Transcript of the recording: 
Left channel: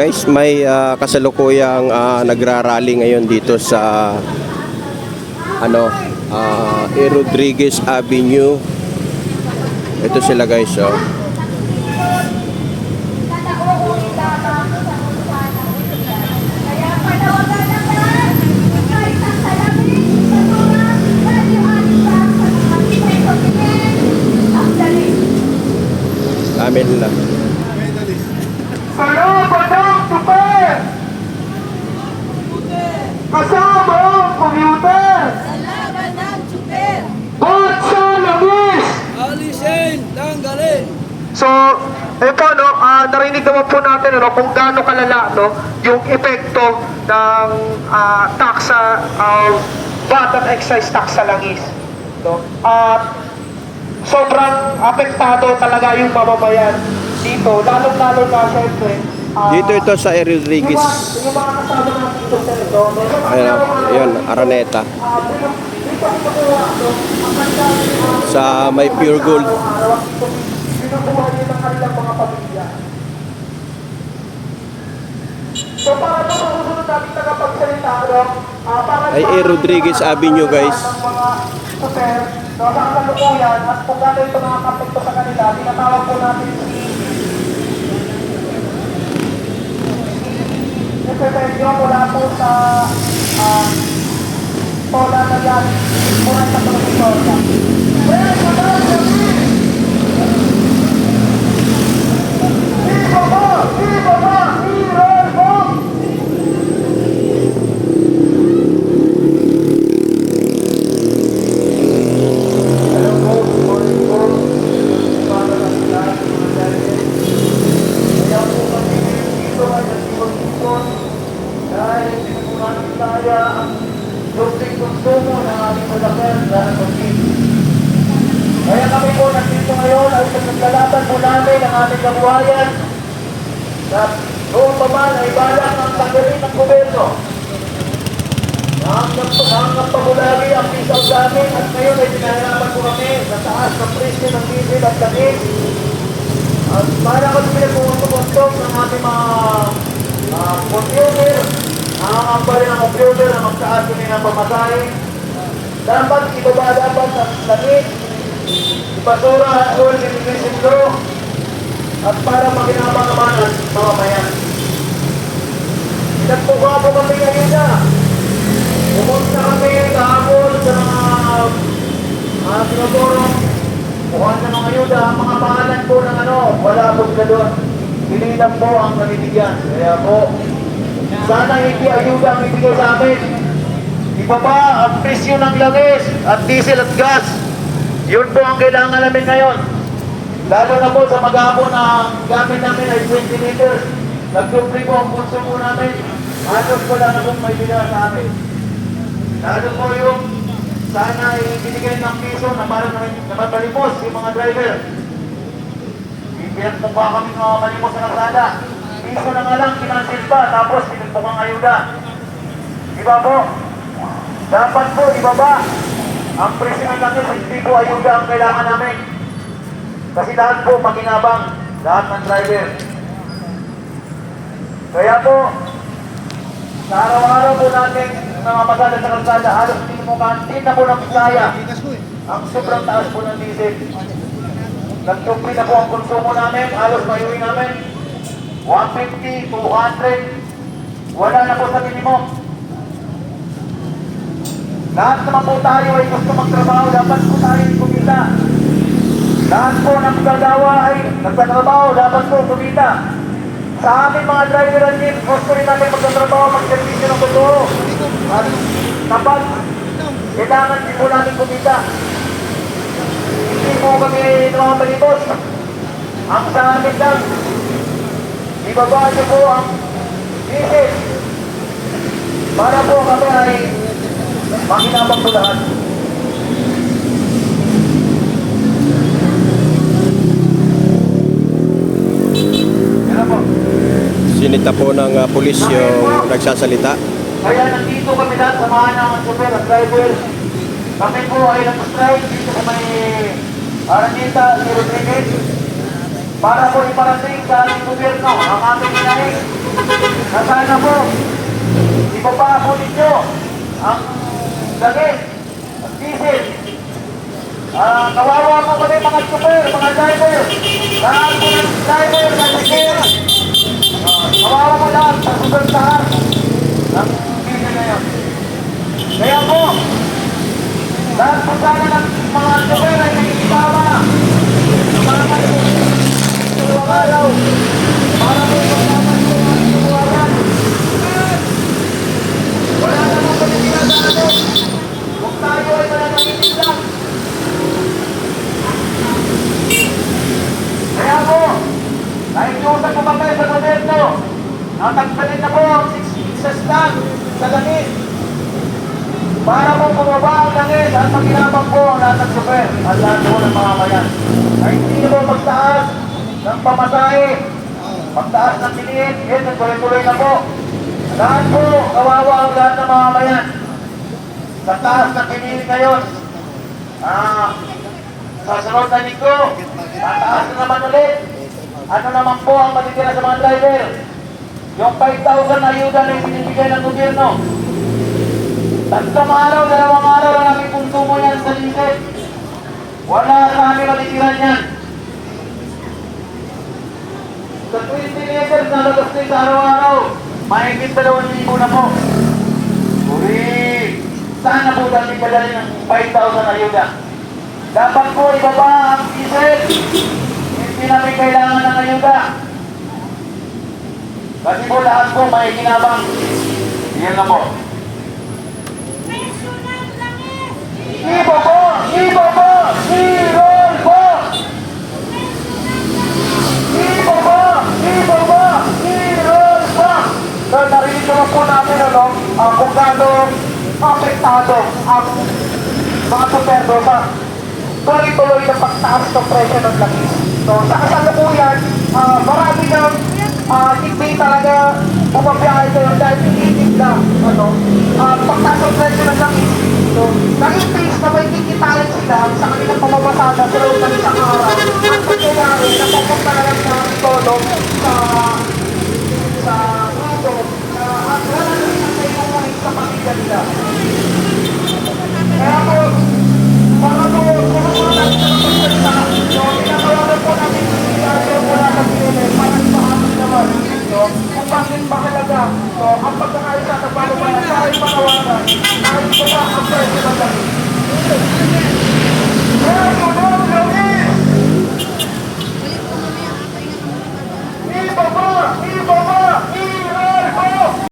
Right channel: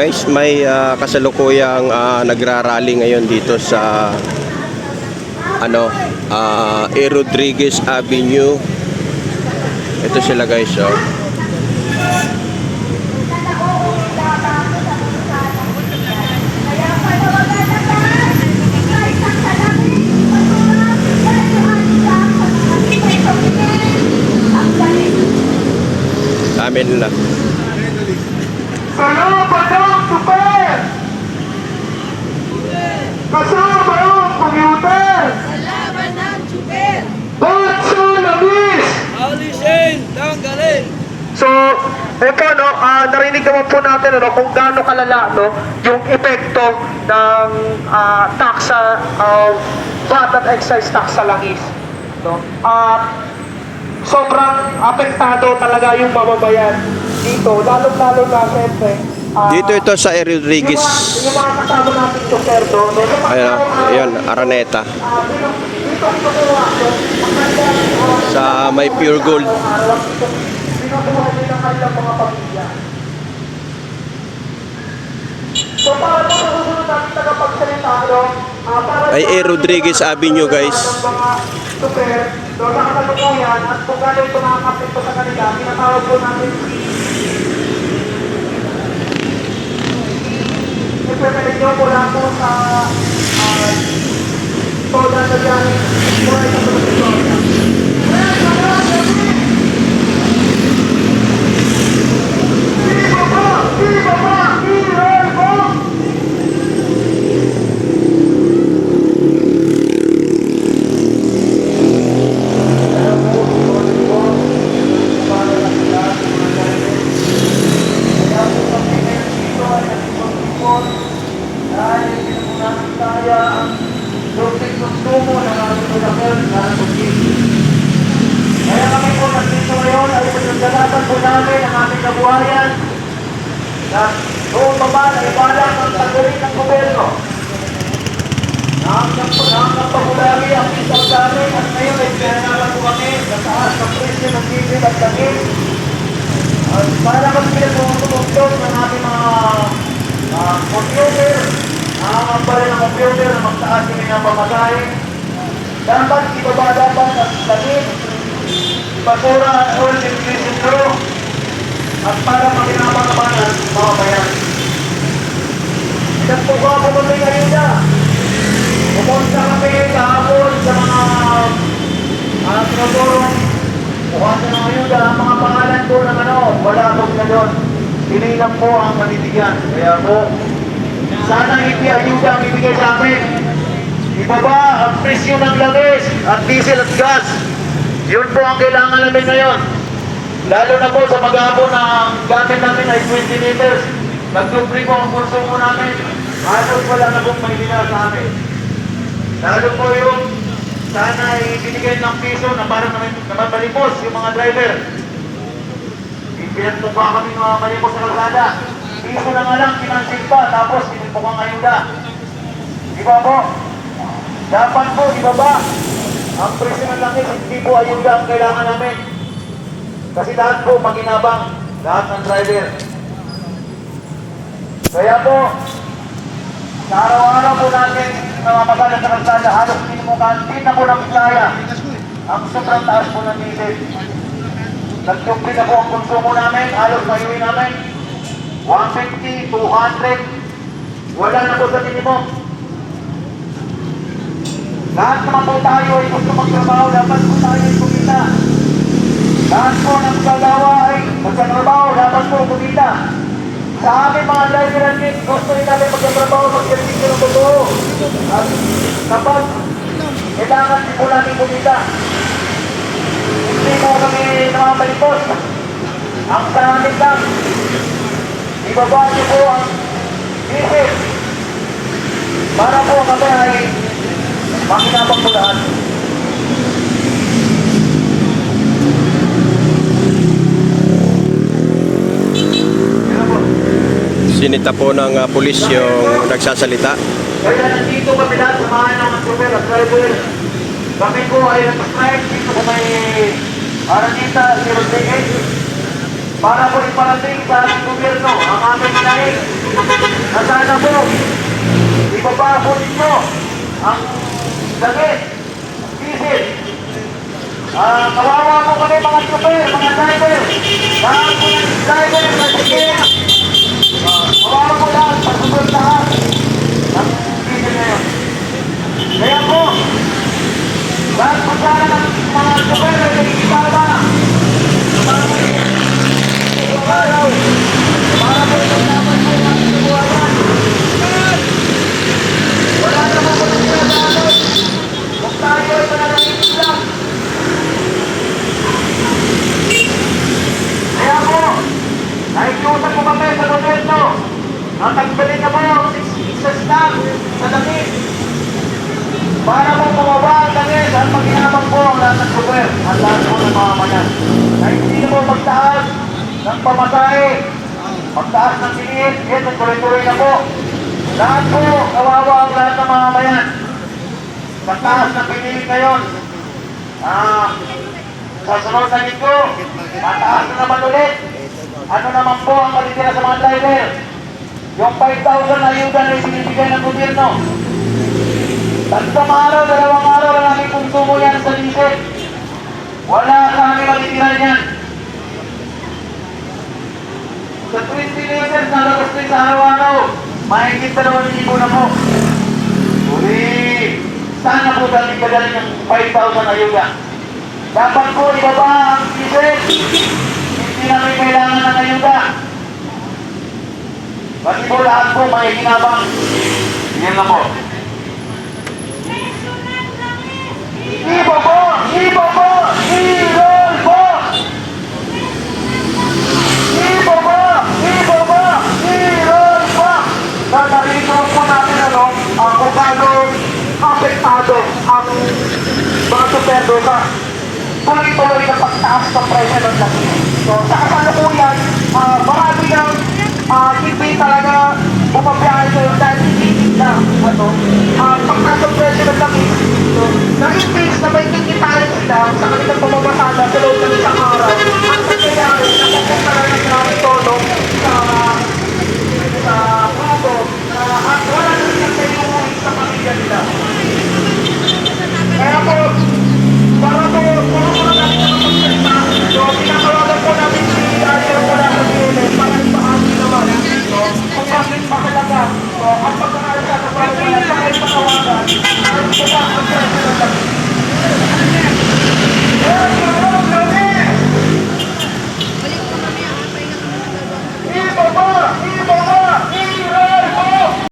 guys, may kasalukuyang nagrarally ngayon dito sa A. Rodriguez Avenue. Ito sila guys, oh. Dami nila. Salamat ng super! Kasama ang computer! Salamat ng super! Ba't sa labis? Alisin, tanggalin! So, ito, narinig naman po natin kung gaano kalala yung epekto ng taksa VAT at excise tax sa langis. Sobrang apektado talaga yung mababayan dito, lalo-lalo na siyempre. Dito ito sa A. Rodriguez. Yung mga kasama natin yung perdo. Ayun, Araneta. Sa may Pure Gold. So, para sa susunod natin tagapagsalita, Ay A. Rodriguez Avenue guys. super, sa kasalukuyan at kung ano ito mga kapito sa kanila, pinatawag po natin si Secretary nyo mula po sa Toda na dyan, mula sa Provitoria. Kaya kami po nandito ngayon at naglalaban po namin ang aming kabuhayan na noong baba na ibalak ang tanggalin ng gobyerno. Nangangap pagulagi ang isang namin at ngayon ay pinahirapan po kami sa taas ng presyo ng diesel at langis. At para kami pinagpuputog ng ating mga computer, nakakamba rin ang computer na magtaas din ang pamasahe. Dapat ibaba dapat ang langis, basura at oil imitation crew at para makinabang naman ang mga bayan. Pinagpuka po kami ngayon na. Pumunta kami kahapon sa mga sinotorong kuhan na mga ayuda. Ang mga pangalan po ng wala po na doon. Pinilang po ang manitigan. Kaya po, sana hindi ayuda ang ibigay sa amin. Ibaba ang presyo ng langis at diesel at gas. Yun po ang kailangan namin ngayon. Lalo na po sa maghapon na gamit namin ay 20 liters. Nagdupli po ang konsumo namin. Halos wala na po may binila sa amin. Lalo po yung sana ibinigay ng piso na para naman malimos yung mga driver. Pinagpukha kami mga malimos sa kalsada. Piso na nga lang, kinansin pa, tapos pinagpukhang ayuda. Diba po? Dapat po ibaba ang presyo ng langis, hindi po ayuda ang kailangan namin. Kasi lahat po maginabang, lahat ng driver. Kaya po, sa araw-araw po natin mga masada sa kalsada, halos hindi na po namin kaya ang sobrang taas po ng diesel. Nagtupli na po ang konsumo namin, halos mayuwi namin 150, 200, wala na po sa minimum. Lahat naman po tayo ay gusto magtrabaho, dapat po tayo ay kumita. Lahat po ng gagawa ay nagtatrabaho, dapat po kumita. Sa aming mga driver and kids, gusto rin namin magtatrabaho, mag-servisyo ng totoo. At kapag kailangan din po namin kumita, hindi mo kami namamalimos. Ang sa amin lang, ibaba niyo po ang diesel para po kami ay makinabang po lahat. Sinita po ng pulis yung nagsasalita. Kaya nandito kami lahat, samahan ng super at driver. Kami po ay nag-strike dito po may Araneta, si Rodriguez. para po iparating sa ating gobyerno ang aming hinaing na sana po ibaba po ninyo ang langit, ang diesel. Kawawa po kami mga super, mga driver. Lahat po ng driver na ticket. Kawawa po lahat, pagsusuntahan ng diesel na yun. Kaya po, lahat po sana ng mga super ay nagkikibaba. Wala naman po sila natin. Kung tayo ay mananangin lang. Kaya po, nakikiusap po kami sa gobyerno ang tagbalin na po ang 6 pieces lang sa langit para po bumaba ang langit at maginabang po ang lahat ng super at lahat po ng mga mayan na hindi po magtaas ng pamasahe, magtaas ng tiniin, yes, tuloy-tuloy na po. Lahat po, kawawa ang lahat ng mga mayan sa taas ng tiniin ngayon. Sa sunod na linggo, tataas na naman ulit. Ano naman po ang matitira sa mga driver? Yung 5,000 na ayuda na ibinibigay ng gobyerno. 3 araw, 2 araw lang aming konsumo yan sa diesel. Wala kami matitira yan. Sa 20 liters na lagastin sa araw-araw, mahigit 2,000 na po. Uri, sana po daling kagaling yung 5,000 ayuda. Dapat po ibaba ang diesel. Hindi namin kailangan ng ayuda. Kasi po lahat po may ginabang. Yan na po. Ibo po! Ibo po! I-roll po! Ibo po! Ibo po! I-roll po! Narinig naman po natin kung gaano apektado ang mga superdoka. Tuloy-tuloy na pagtaas ng presyo ng langis. So, sa kasalukuyan, marami ng